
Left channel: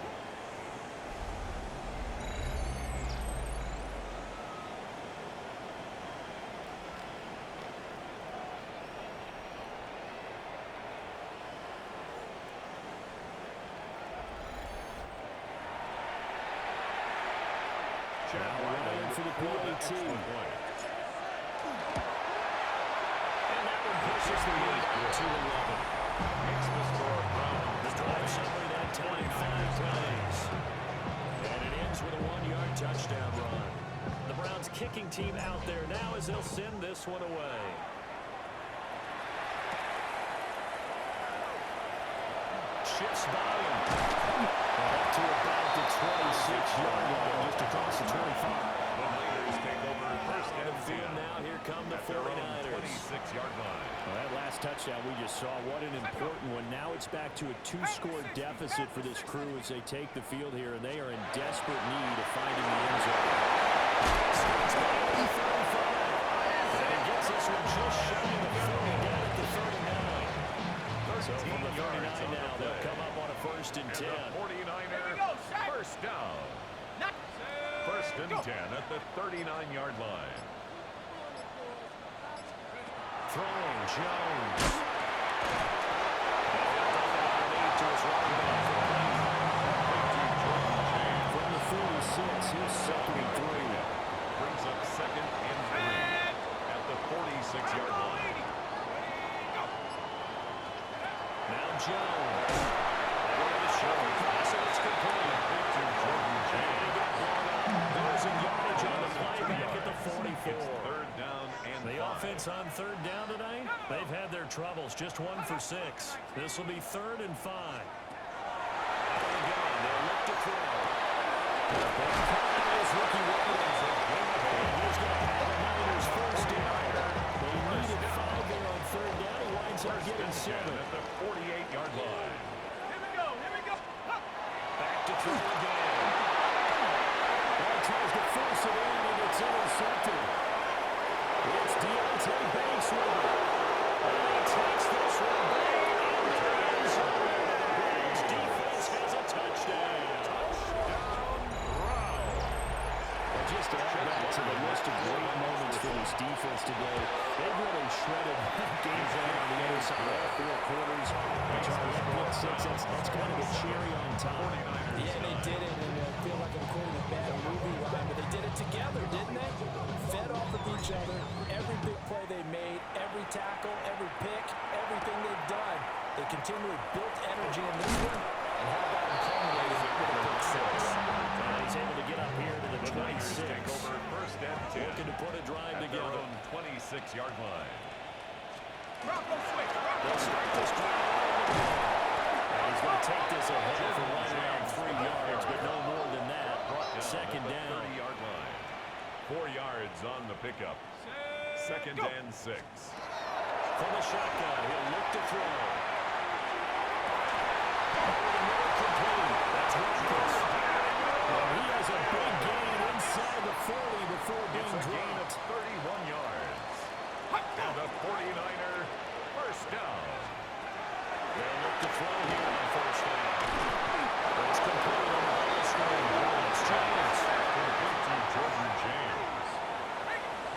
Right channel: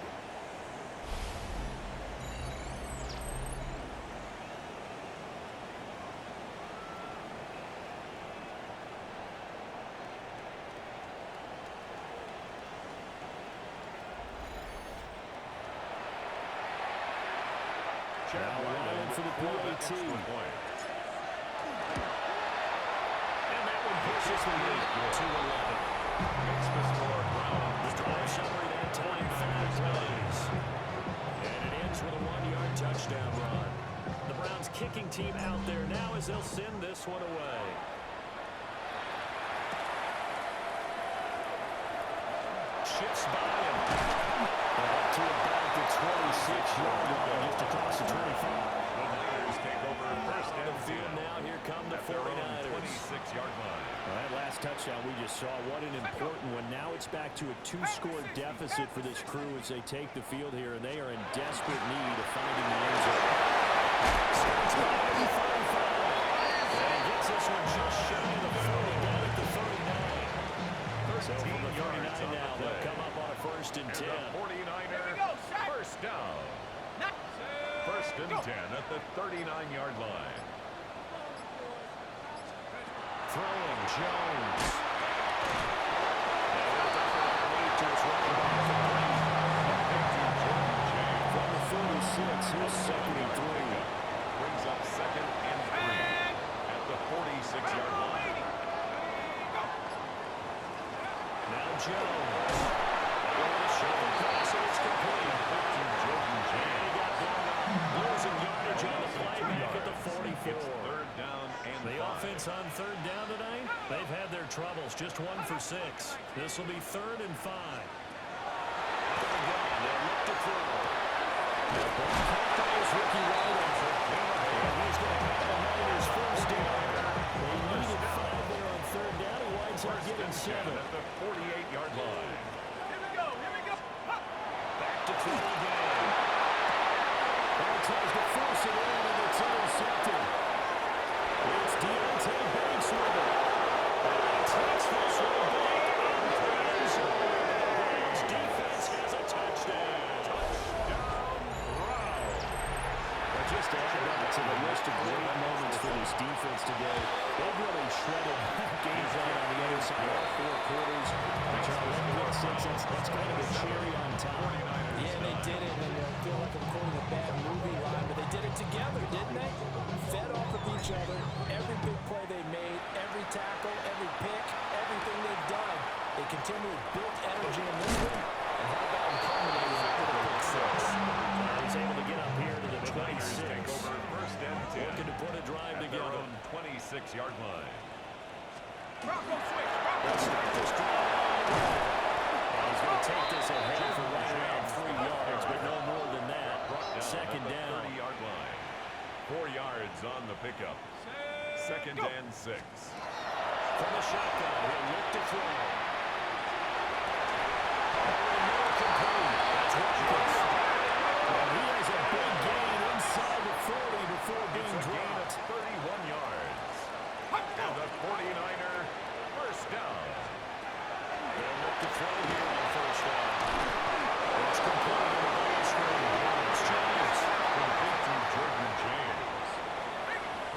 Now Ryan for the PAT. And that one pushes the lead to 11. Makes the score Browns. The drive summary that time, 5 plays. And it ends with a 1-yard touchdown run. The Browns kicking team out there now as they'll send this one away. Shifts by him. Up to about the 26-yard line, just across the 25. The Niners take over first and Field 10. now, here come the At their own 49ers. 26-yard line. Well, that last touchdown we just saw, what an important one. Now it's back to a 2-score deficit for this crew as they take the field here, and they are in desperate need of finding the end zone. Starts by the 35. And he gets this one just shy of the 40, down at the 39. So from the 39 now, they'll come up on a first and 10. And the 49er, first down. First and 10 at the 39-yard line. Throwing, Jones. And he'll dump it underneath to his running back. Complete to Jordan James. From the 46, here's second and 3. Brings up second and 3 at the 46-yard line. Now Jones. Over the shuffle pass, and it's complete. To Jordan And James. he got blown up. Losing yardage on the play back at the 44. It's third down and The 5. offense on third down tonight, they've had their troubles. Just 1 for 6. This will be third and 5. Out of the gun, they'll look to throw. The ball caught by his rookie White. And he's going to have the Niners first down. They needed 5 there on third down. He winds up getting 7. At the 48-yard line. Here we go. Back to throw again. Well, tries to force it in, and it's intercepted. It's Deontay Banks with it. And he takes this one back into the end zone. The Browns defense has a touchdown. Touchdown, Browns. But just to add that to the list of great moments for this defense today, they've really shredded that game plan on the other side all 4 quarters. And Charles, that pick six, that's kind of the cherry on top. Yeah, they did it, and I feel like I'm quoting a bad movie line, but they did it together, didn't they? Fed off of each other, every big play they made, every tackle, every pick, everything they've done. They continually built energy in this one, and how about them culminating with a pick six? He's able to get up here to the 26. Take over first and 10. Looking to put a drive At their together. own 26-yard line. They'll start this drive out on the ball. And he's going to take this ahead for right around 3 yards, but no more than that. Second down. 30-yard line. 4 yards on the pickup. Second and 6. From the shotgun, he'll look to throw. Over the middle, complete. That's Watkins. And he has a big gain inside the 40 before being It's a gain of dropped. 31 yards. And the 49er first down. They'll look to throw here on first down. It's complete on the ball screen. It's James. Complete to Jordan James.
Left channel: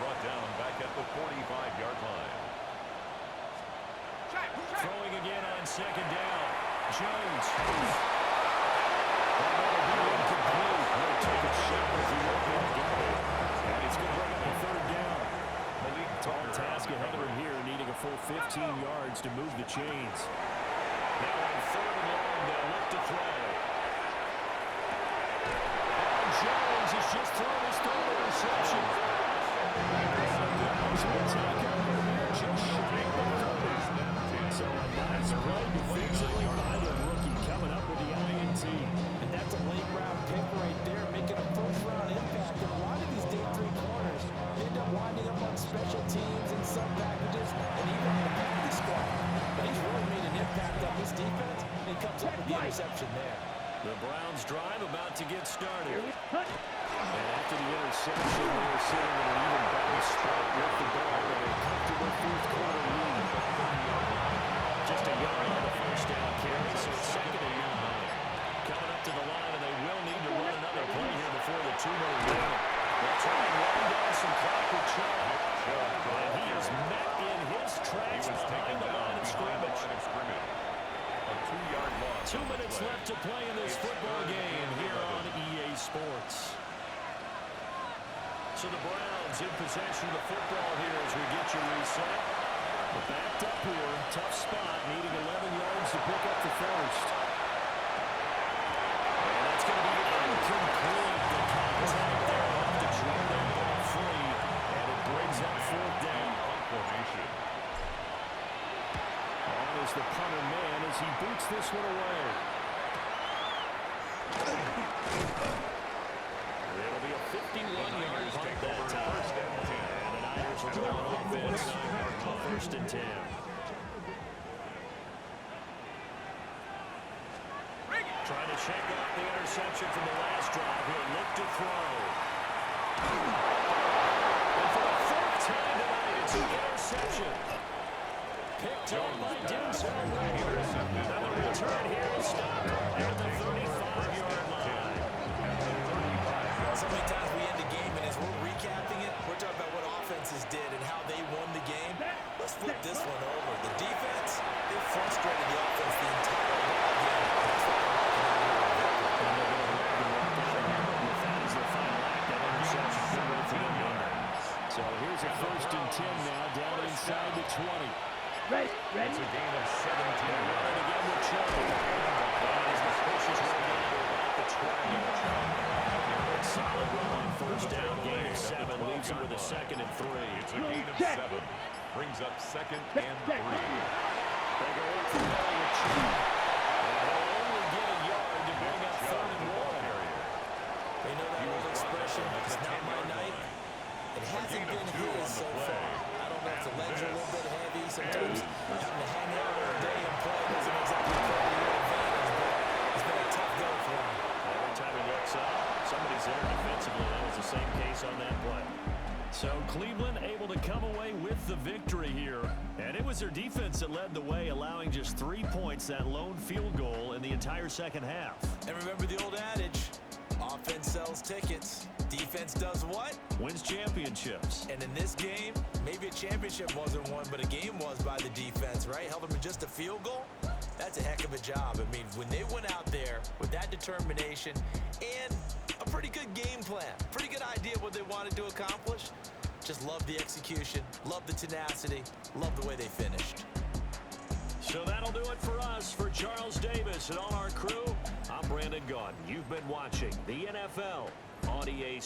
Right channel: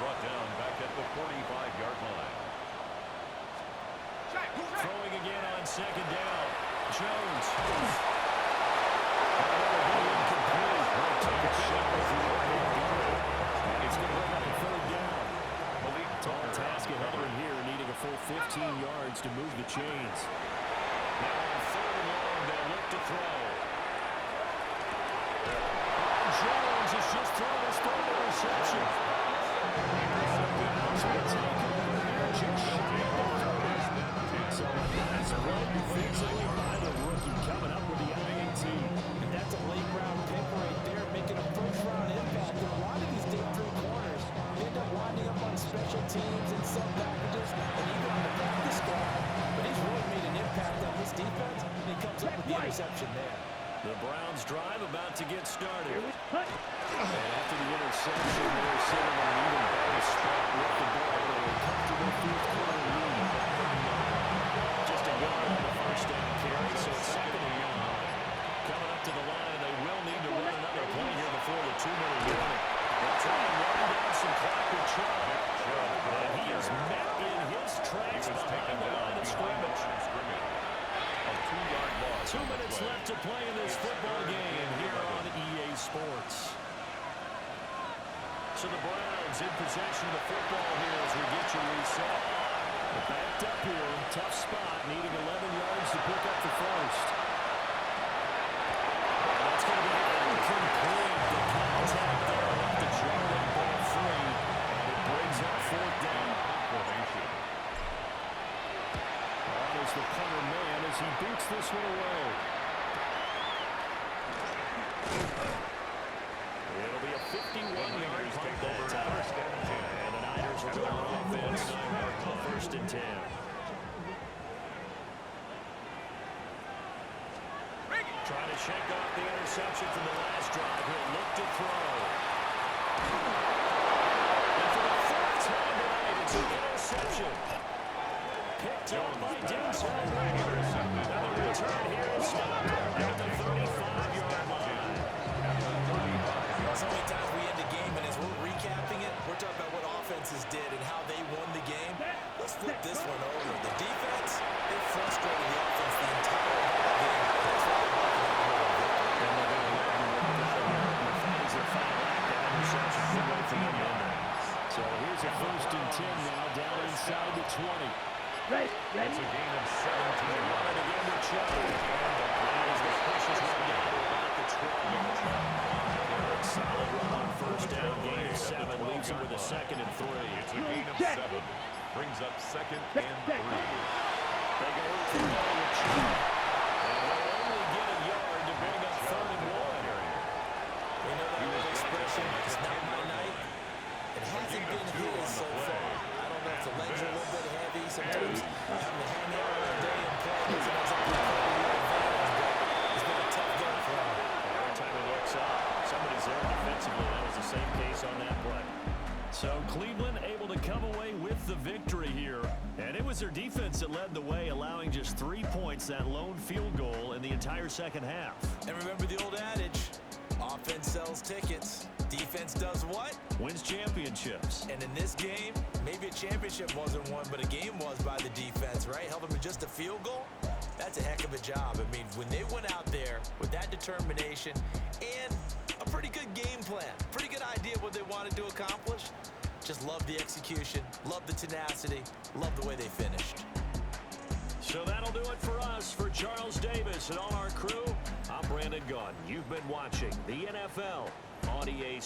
Brought down back at the 45-yard line. Throwing again on second down. Jones. That'll be incomplete. We'll take a shot if you want him going. And it's going to bring up a third down. Malik Tall Tucker task on the ahead of cover. him here, needing a full 15 yards to move the chains. Now on third and long, they'll look to throw. Jones has just thrown his third interception. Browns will take over here just shy of the 30. So a nice play defensively by the rookie, coming up with the INT. And that's a late-round pick right there, making a first-round impact. And a lot of these day 3 corners end up winding up on special teams and sub packages and even on the practice squad. But he's really made an impact on this defense, and he comes up with the interception there. The Browns drive about to get started. And after the interception, they were sitting in an even better spot with the ball in a comfortable 4th quarter lead. Just a yard on the first down carry, so it's second and 9. Coming up to the line, and they will need to run another play here before the 2-minute warning. They'll try and wind down some clock with Chubb. And he is met in his tracks behind the line of scrimmage. A 2-yard loss. 2 minutes left to play in this football game here on EA Sports. So the Browns in possession of the football here as we get you reset. But backed up here, tough spot, needing 11 yards to pick up the first. And that's going to be incomplete. The contact there enough to jar that ball free. And it brings up 4th down. Formation. On is the punter man as he boots this one away. It'll be a 51-yard punt Take that over time. first and 10. And the Niners will go on offense on first and 10. Trying to shake off the interception from the last drive. He'll look to throw. And for the 4th time tonight, it's an interception. Picked up by Denzel Ward. Now the return here is stopped at the 35-yard line. So many times we end the game, and as we're recapping it, we're talking about what offenses did and how they won the game. Let's flip this one over. The defense, they frustrated the offense the entire ball game. That's why they're walking out here with a victory. And they're going to let them walk out of here with that as their final act. That interception good way for them to end it. So here's a first and 10 now, down inside the 20. It's a gain of 17 Run it again with Chubb. And as the pushes run down to about the 12. Solid run on first down, gain of 7, leaves him with a 2nd and 3. It's a gain of 7. Brings up 2nd and 3. They go up the middle with Chubb. And they'll only get a yard to bring up 3rd and 1. They know that old expression, it's not my night. It hasn't been his so far. I don't know if the legs are a little bit heavy. Sometimes So Cleveland able to come away with the victory here. And it was their defense that led the way, allowing just 3 points, that lone field goal in the entire second half. And remember the old adage, offense sells tickets. Defense does what? Wins championships. And in this game, maybe a championship wasn't won, but a game was by the defense, right? Held them to just a field goal. That's a heck of a job. I mean, when they went out there with that determination and a pretty good game plan, pretty good idea what they wanted to accomplish, just love the execution, love the tenacity, love the way they finished. So that'll do it for us. For Charles Davis and all our crew, I'm Brandon Gaudin. You've been watching the NFL on EA